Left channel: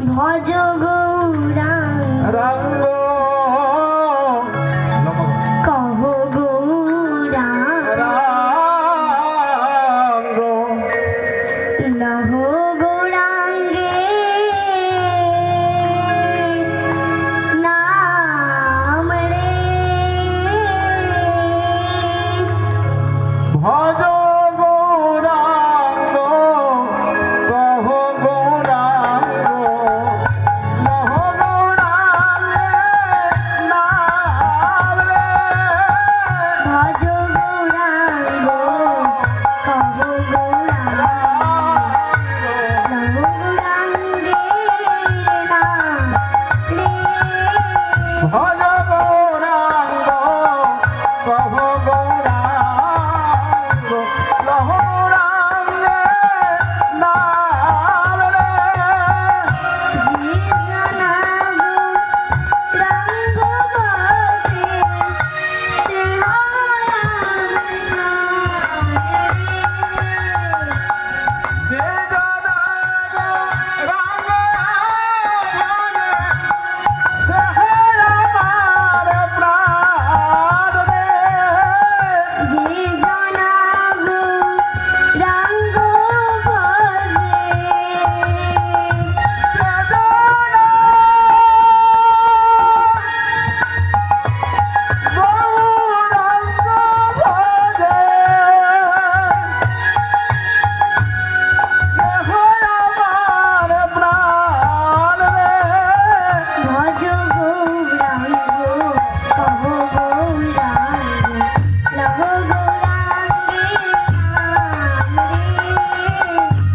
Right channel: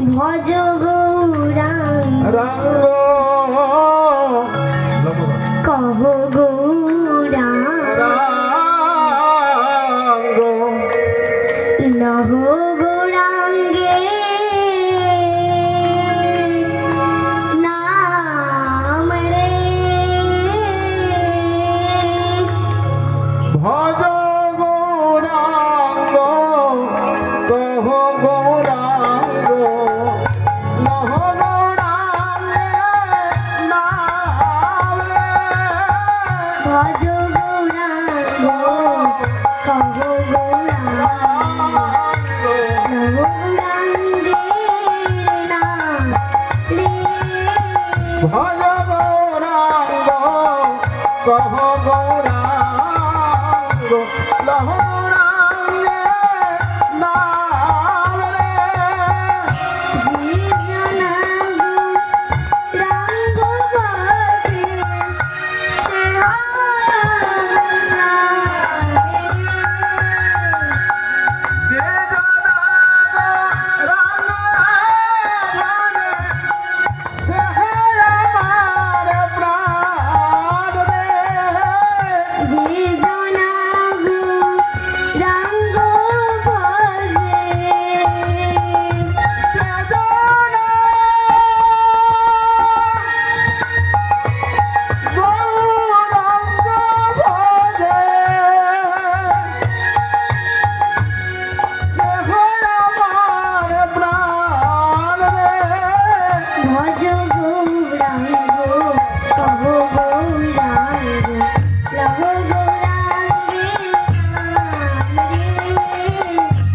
ভজ গৌরাঙ্গ কহ গৌরাঙ্গ লহ গৌরাঙ্গে নাম রে ভজ গৌরাঙ্গ কহ গৌরাঙ্গ লহ গৌরাঙ্গে নাম রে ভজ গৌরাঙ্গ কহ গৌরাঙ্গ গৌরাঙ্গে নাম রে ভজ গৌরাঙ্গ কহ গৌরাঙ্গ লহ গৌরাঙ্গে নাম রে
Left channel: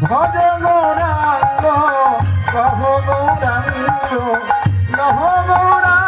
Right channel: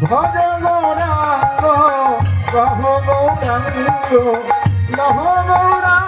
ভজ গৌরাঙ্গ কহ গৌরাঙ্গ লহ গৌরাঙ্গ